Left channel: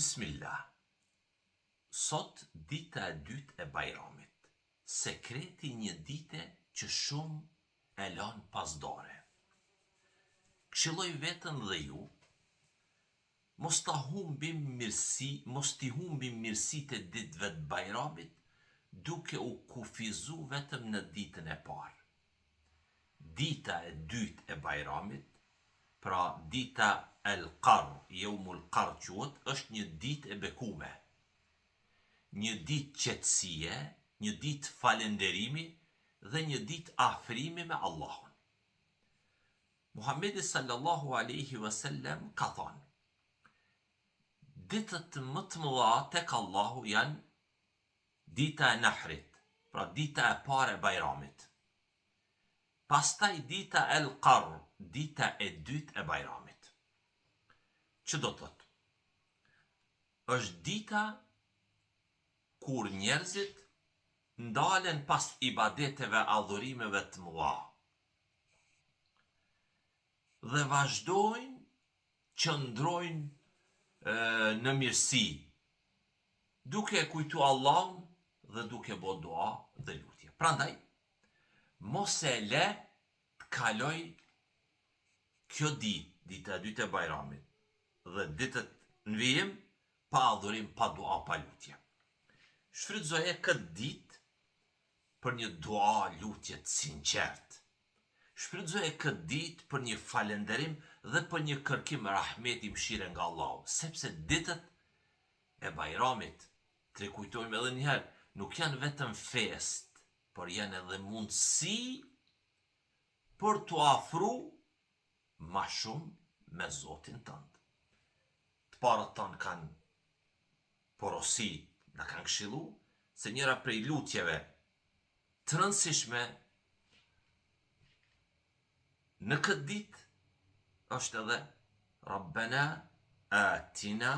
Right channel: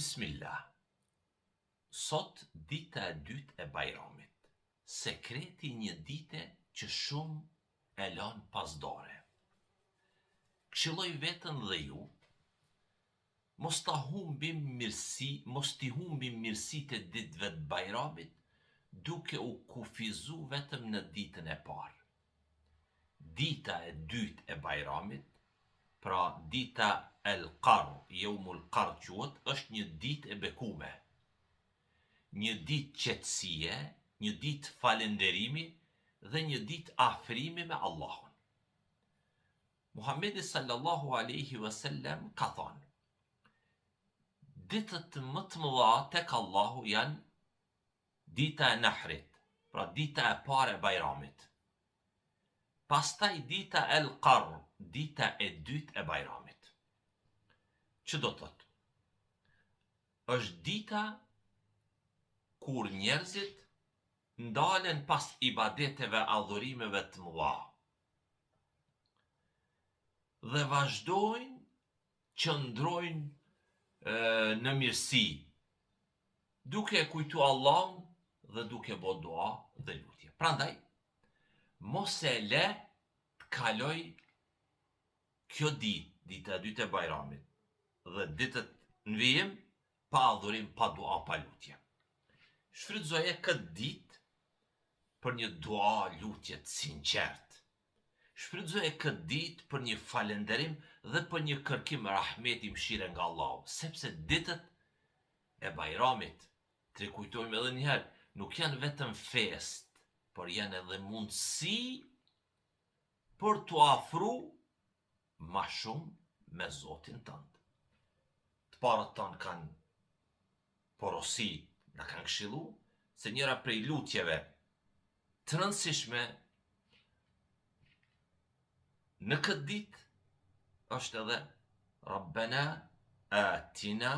Bismillah. Sot dita e dytë e Bajramit. Sekreti një dite që shumë e lanë pasdore. Këshilloj veten dhe ju, mos t'i humbim mirësitë e ditëve të Bajramit, duke u kufizu vetëm në ditën e parë. Dita e dytë e Bajramit, pra dita el-Qarr, Jomul Qarr quhet, është një ditë e bekume. Një ditë qetësie, një ditë falënderimi dhe një ditë afrimi me Allahun. Muhamedi sallallahu alaihi wasallam ka thënë: ditët më të mëdha tek Allahu janë dita e Nahrit, pra dita e parë e Bajramit. Pastaj dita el-Qarr, dita e dytë e Bajramit. Që do të thotë? Është dita kur njerëzit ndalen pas ibadeteve, adhurimeve të mëdha dhe vazhdojnë, qëndrojnë në mirësi, duke kujtu Allahun dhe duke bo dua dhe lutje. Prandaj, mos e le të kaloj kjo ditë, dita e dytë e Bajramit, dhe ditët në vijim, pa adhurim, pa dua, pa lutje. Shfrytëzoje këtë ditë për një dua, lutje të sinqertë. Shfrytëzoje këtë ditë për një falënderim dhe për një kërkim rahmeti, mëshire nga Allahu, sepse ditët e Bajramit, të kujtojmë edhe një herë, nuk janë vetëm fest, por janë edhe mundësi për t'u afru ma shumë me Zotin tënd. Të parët tanë kanë porosit, na kanë këshillu se njëra prej lutjeve të rëndësishme në këtë ditë është edhe Rabbena atina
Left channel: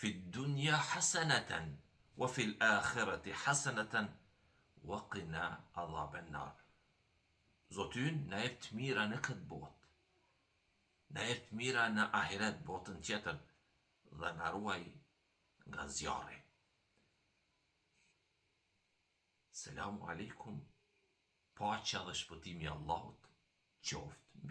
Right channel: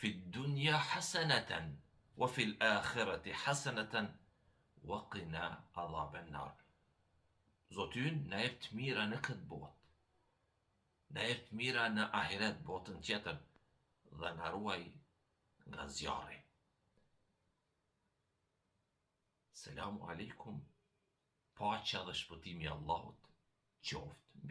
fid dunya hasanatan wa fil akhirati hasanatan wa qina adhaban nar. Zoti ynë na jep të mira në këtë botë, na jep të mira në ahiret, botën tjetër, dhe na ruaj nga zjarri. Selamu alaikum, paqja dhe shpëtimi i Allahut qoftë mbi